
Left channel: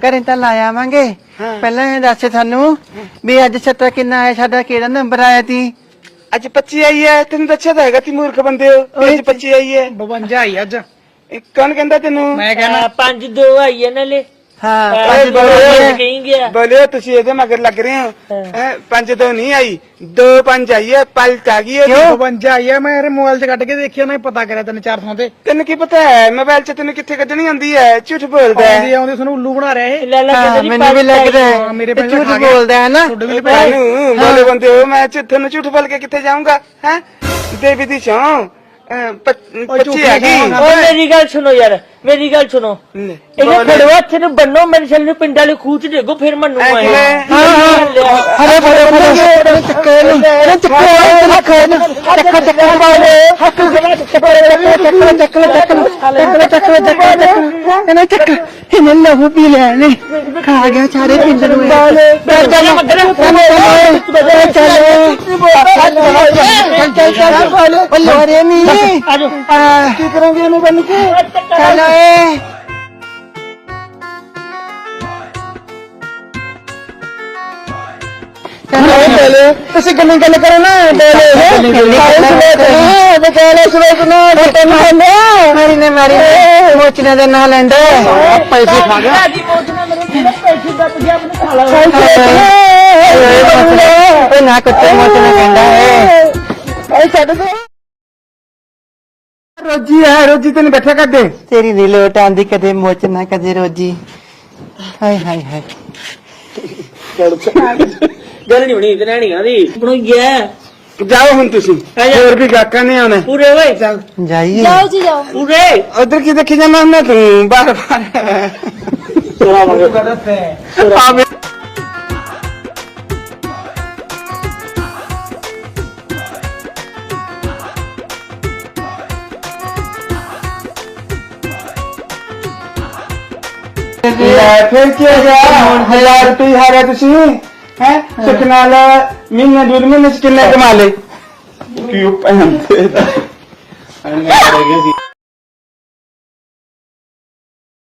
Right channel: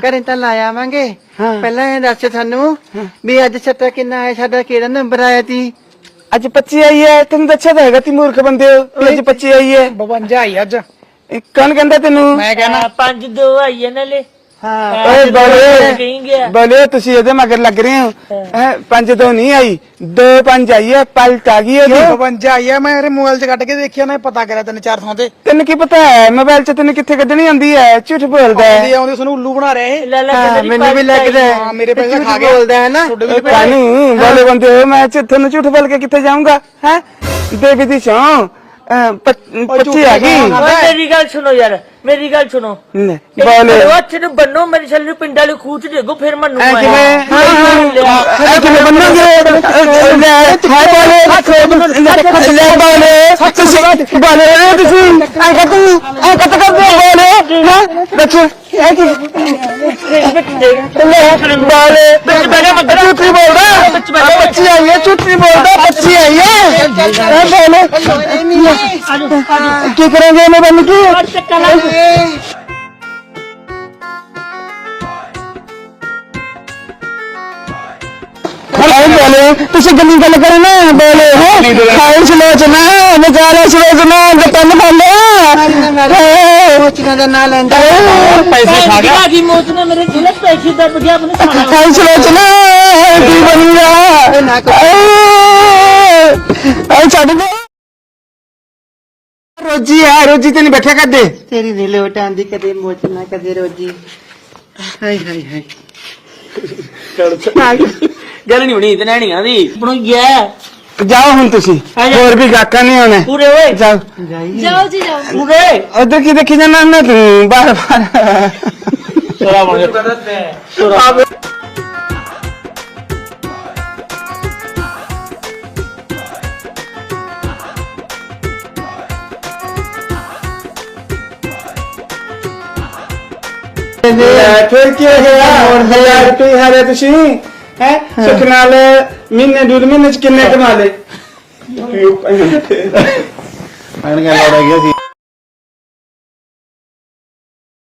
ਘਰੇ ਤਾਂ ਲਾ ਆਵਾਂਗੇ। ਪਹਿਲਾਂ ਇਹ ਦੱਸ ਸਾਨੂੰ ਵੀ ਅੱਜ ਛੱਟਾ ਕਿੰਨਾ ਆਇਆ ਸਾਡਾ ਕਿਹੜਾ ਨੰਬਰ ਆਇਆ ਤੀ ਅੱਜ 25 ਆਈ ਹੈ ਤੈਨੂੰ ਦੱਸਿਆ ਤਾਂ ਹੈਗਾ ਤੀ ਮੂਰਖ ਬੰਦੇ ਹੋ ਅੱਜ 25 ਆਈ ਹੈ 52 ਆਈ ਅੱਜ ਕੌਣ ਕਹਿੰਦਾ ਤੈਨੂੰ? ਮੈਂ ਕਹਿੰਦਾ ਹਾਂ, ਪੰਜ ਦੋ ਆਈ ਇਹਨਾਂ ਨੇ ਹਾਂ ਓਏ ਬੋਲੇ ਕਹੀਂ ਗਿਆ। ਬੋਲੇ ਤੁਸੀਂ ਇਹਦੇ ਮਗਰ ਲੱਗ ਰਹੇ ਹੋ। ਇਹ ਪੰਜ ਤੋਂ ਨਹੀਂ ਆਈ। ਦੋ ਪੰਜ ਆਈ ਹੈ ਪਲਟ ਆ ਗਈ ਉਹਦੀ 52 ਆਈ ਆ। ਮੈਂ ਇਹਦੇ ਮੋਬਾਈਲ 'ਚ ਕੱਢ ਕੇ ਦੇਖਿਆ ਮੈਂ ਪਤਾ ਕਰਿਆ ਤਿੰਨ ਚਾਰ ਥਾਂ ਤੇ। ਤੈਨੂੰ ਕੀ ਪਤਾ ਹੈ? ਮੋਬਾਈਲ 'ਚ ਤੈਨੂੰ ਕਿੱਥੇ ਕੱਢਣੀ ਆਉਂਦੀ ਹੈ? ਝੂਠ ਬੋਲਦਾ ਆਉਂਦੇ ਹੈ ਆਉਂਦੇ ਸਾਨੂੰ ਉੱਲੂ ਬਣਾ ਰਹੇ ਹਾਂ ਮੈਨੂੰ ਵੀ ਲੱਗਦਾ ਹੈ। ਹਾਂ, ਮੇਰੇ ਪੈਸੇ ਝੂਠ। ਬੋਲਦਾ ਹੈ ਨਾ। ਮਾਰੇ ਬੰਦੇ ਹੋ ਮੈਂ ਝੂਠ- ਤੁਹਾਨੂੰ ਝੂਠ ਬੋਲ ਕੇ ਕਿੱਥੇ ਜਾਊਂਗਾ? ਹੈ? ਦੇਵੀ ਦੀ ਸ਼ਾਂ ਪੱਚੀ ਆ। ਗਈ ਓਏ। ਮੇਰੀ ਗੱਲ ਸੁਣੋ ਯਾਰ। ਮੇਰੀ ਗੱਲ ਸੁਣੋ ਲੈ, ਇਹ ਬੋਲ ਮੇਰੇ ਹੱਥ ਨੂੰ ਬੰਨੋ ਮੇਰੇ ਛੱਲ ਨੂੰ ਪਿੰਡਾਂ ਨੂੰ ਖੂਚ ਦੇਗੋ ਫਿਰ ਮੰਨੂ ਮੈਂ ਕਿਵੇਂ? ਹਾਂ ਹਾਂ ਇਹ ਬੜੇ ਬੰਦੇ ਨੇ ਚੱਕੋ ਬੋਲੇ ਤੁਸੀਂ ਗੱਲ ਕਰੋ ਨਾ ਬੋਲੇ। ਕਾਇਸ ਲੋਚਨਾ ਵਿਚਾਰੇ ਸੋਚਨਾ ਬਤਨ ਬੋਲੇ। ਸੋਚਣਾ ਦਾ ਨਾਂ ਲੈਂਦਾ ਪੈਸੇ ਖਾ ਗਿਆ। ਦੀ ਨੇ ਮੇਰੇ ਕਿਲੇ ਪੈਸੇ ਦੱਬ ਗਿਆ ਮੈਨੂੰ ਸਾਲਾ ਕਾਇਸ ਲੋਚਨਾ ਕੀ ਬਣੂਗਾ? ਨਾ ਕੱਪੜੇ ਓਏ ਛੱਡ ਦੇ। ਰੋਜੀ ਹੈ ਰੋਜੀ ਤੈਨੂੰ ਬੈਠਾ ਕਰ ਦੇ ਤੇਰੀ ਨੀ ਲੋਟ ਆਂਦੀ ਕਦੇ ਮੋਚਨਾ ਕਦੇ ਰੋਜੀ। ਹਾਏ ਹਾਏ ਹਾਏ। ਗੱਲ ਨਹੀਂ ਹੋਣੀ ਤੇ ਨਹੀਂ ਆਂਦੀ ਬਣਾਈਆ ਜਾਓ ਹੁਣ ਤੁਸੀਂ। ਹੋਰ ਵੀ ਗਾਕਾਂ ਨਹੀਂ ਆਉਣੇ। ਪੂਰੇ ਓਏ। ਜਾਓ ਜਾਈਏ। ਜਾਓ ਜੀ ਜਾਓ। ਪੂਰੇ। ਉਧਰ ਕੀ ਦੇਖੀ ਜਾਂਦਾ? ਮੈਂ ਤੂੰ ਬਾਰ ਬਾਰ ਤੋਰਾ ਮੰਗੇ ਲੈ ਫਿਰ ਕੀ ਹੋ ਗਿਆ? ਹਜ਼ਾਰ ਰੁਪਏ ਹਾਰੇ ਤੁਸੀਂ? ਹੈ? ਸੁਖ ਨਾਲ ਮਹੀਨੇ ਡੂਢ ਮਹੀਨੇ ਚ ਕਿੰਨੇ ਕਮਾ ਲੇ ਕਿਉਂ ਭੈਣ ਤੇ ਪੈਣ ਗਿਆ ਲੜ ਗਿਆ ਸੀ।